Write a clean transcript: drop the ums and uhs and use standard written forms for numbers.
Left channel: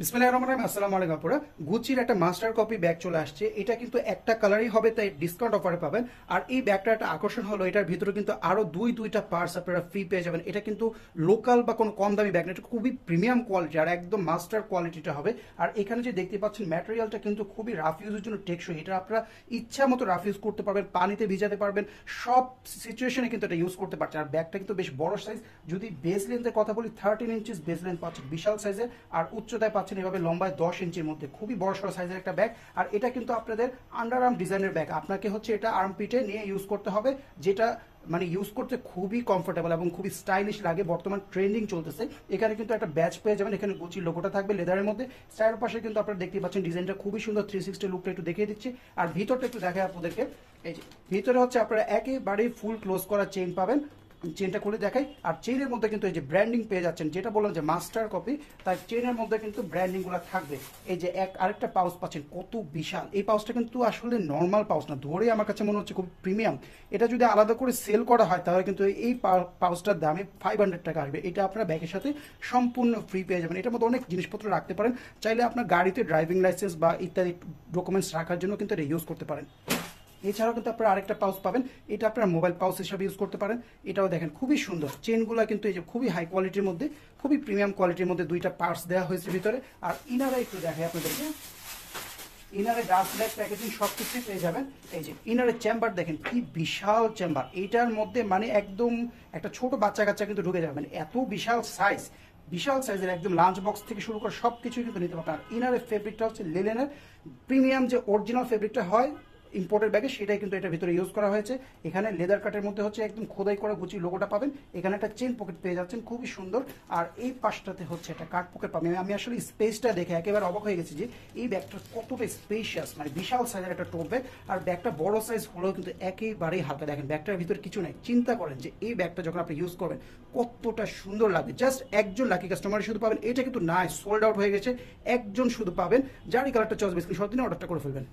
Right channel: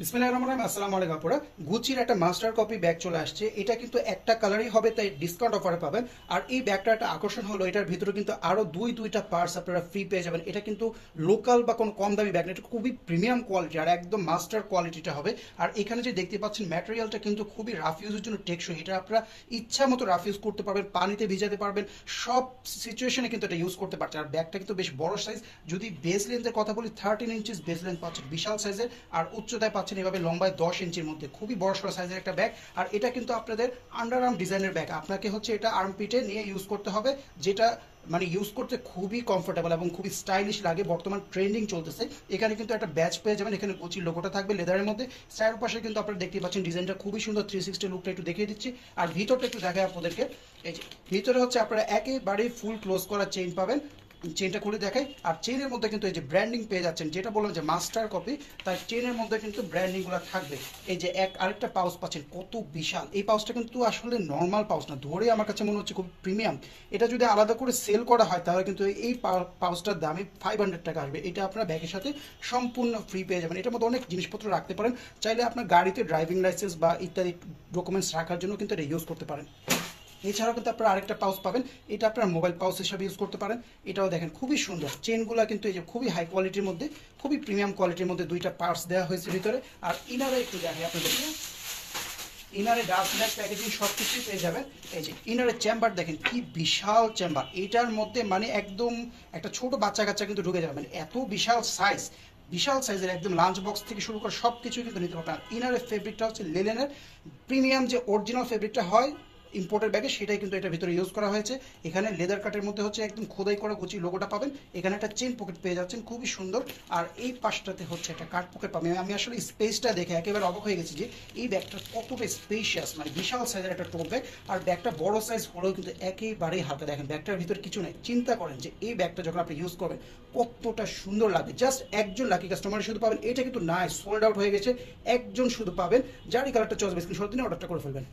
বিসমিল্লাহির রহমানির রহিম। আসসালামু আলাইকুম আপুরা। গুচির একটা মাস্টার কপি ব্যাগ চলে আসছে। এটা কিন্তু একটা কালারই হবে, তাই ডিসকাউন্ট অফারে পাবেন। আর এই ব্যাগটা একটা আকর্ষণ হলো, এটার ভিতরে কিন্তু আরো দুইটা পার্টস আপনারা ফ্রি পেয়ে যাবেন। এটা কিন্তু লোকাল বা কোনো কম দামি ব্যাগ না, এটা খুবই প্রিমিয়াম কোয়ালিটি আর একদম মাস্টার কোয়ালিটিটা হবে। আর এখানে যে দেখতে পাচ্ছেন ম্যাটেরিয়ালটা কিন্তু খুবই রাফ ইউজের জন্য টেকসই। এটা আপনারা ইচ্ছা মতো রাফ ইউজ করতে পারবেন, পানিতে ভিজাতে পারবেন, সব সিচুয়েশনে কিন্তু এটা ইউজ করতে পারছেন। আর ব্যাগটা কিন্তু বেশ বড় সাইজ। যদি বেস লেন্থের কথা বলি 13 ইঞ্চিস বেস লেন্থ পাচ্ছেন, বিশাল সাইজের। আর উচ্চতায় পাচ্ছেন এভাবে লম্বায় 10 ইঞ্চির মধ্যে, খুবই বড় সড়ো সাইজের একটা ব্যাগ। আর এটা কিন্তু আপনাদের আন্ডার আর্ম ডিজাইনের ব্যাগ। আপনাকে হচ্ছে এটা আর্ম পিটে নিয়ে ইউজ করতে হবে, যেটা মানে ইউজ করতে খুবই কমফোর্টেবল এবং খুবই স্টাইলিশ লাগে। বর্তমান ট্রেন্ডিং চলতেছে। এখানে কিন্তু একটা ব্যাচ পেয়ে যাবেন, এখানে গুচির লোগোটা থাকবে লেদারের মধ্যে। স্টাইলের পাশে কিন্তু আপনারা দেখতে পাচ্ছেন ডিজাইনটা খুবই সুন্দর। 360 লুকটা একটু দেখিয়ে দিচ্ছি। আর ভিতরটা একটু দেখায় আপনাদেরকে। এই যে ভিতরে হচ্ছে আপনারা একেবারে ফুল ক্লোজ করা চেইন পাবেন। চেনটা খুলে দেখাই। আর চেনের মধ্যে কিন্তু এই যে ব্র্যান্ডিং পেয়ে যাচ্ছেন, যেটা বললাম যে মাস্টার কপি, তার চেনের মধ্যে কিন্তু ব্র্যান্ডিংগুলো থাকবে। এই যে আরেকটা পাউচ পাচ্ছেন, কত বিশাল এই পাউচটা! কিন্তু আসলে নর্মাল পাউচ না, ধরে আমার কাছে মনে হচ্ছে খুব প্রিমিয়াম। এটা যদি আলাদা করে সেল করা হয় তাহলে কিন্তু এই পাউচটার দামে 500 টাকা আসবে। এটা আপনারা ব্যাগের সাথে সম্পূর্ণ ফ্রি পেয়ে যাবেন। এটার মধ্যে অনেক জিনিসপত্র রাখতে পারেন। চাইলে আপনার গাড়িতে ড্রাইভিং লাইসেন্স বা ইত্যাদি ডকুমেন্টস রাখার জন্য কিন্তু এটা ইউজ করতে পারেন। এছাড়াও কিন্তু আপনারা আরেকটা পাউচ পাবেন, এটা আপনারা মোবাইল পাউচ হিসাবে ইউজ করতে পারেন। এটাও দেখেন খুবই সুন্দর। চেনগুলো কিন্তু এই যে খুবই হাই কোয়ালিটির মধ্যে, খুবই প্রিমিয়াম কোয়ালিটির মধ্যে দুইটা পার্টস দেওয়া হয়েছে ভিতরে। আর ইনারে একটু দেখেন আপনাদেরকে। ইনারে ডার্ক ব্ল্যাক প্যাকেজিং সব কিছুই পেয়ে যাবেন। এই যে ইনারের চেম্বার দেখেন কি বিশাল চেম্বার। এইটার মধ্যে মানে একদম একটা ছোট বাচ্চা কাচ্চা কিন্তু ঢুকে যাবে, মানে এত বিশাল সাইজ। বিশাল সাইজের একদম লাঞ্চ বক্স থেকে শুরু করে সব কিছুই কিন্তু নিতে পারবেন। ইনারের ফেব্রিকটা হচ্ছে লিনেনের প্রিমিয়াম, যে অরিজিনাল ফেব্রিকটা হয় ইম্পোর্টের ব্যাগে, সেটাই কিন্তু এটা ভিতরে ইউজ করা হয়েছে। এখানে লেদার কাটের মধ্যে হচ্ছে একদম খোদাই করে গুচি লোগোটা পাবেন। এখানে একটা চেন পকেট পেয়ে যাচ্ছেন, খুবই সুন্দর। আর এই পাশটাতে হচ্ছে একটা কার্ড পকেট পাবেন। আমি আসলে স্পেসটা দেখে একেবারে অবাক হয়ে গেছি যে এই ব্যাগটা কতটা স্পেশিয়াস, মানে বিশাল সাইজের একটা টোপ ব্যাগ। আর ব্যাগটা বড় সাইজ হলেও কিন্তু একেবারেই হালকা। দেখেন ব্যাগটার ভিতরে কিছু নেই। চিন্তা করেন যে এই ব্যাগটা যখন আপনি ইউজ করবেন কতটা সুন্দর লাগবে। জাস্ট একজন লাকি কাস্টমার শুধু পাবেন। এটা কিন্তু নাই, সোল্ড আউট হয়ে গেছে। একজন শুধু পাবেন, যার এই কালারটা চয়েস স্ক্রিনশট দিন অর্ডারটা করে ফেলবেন।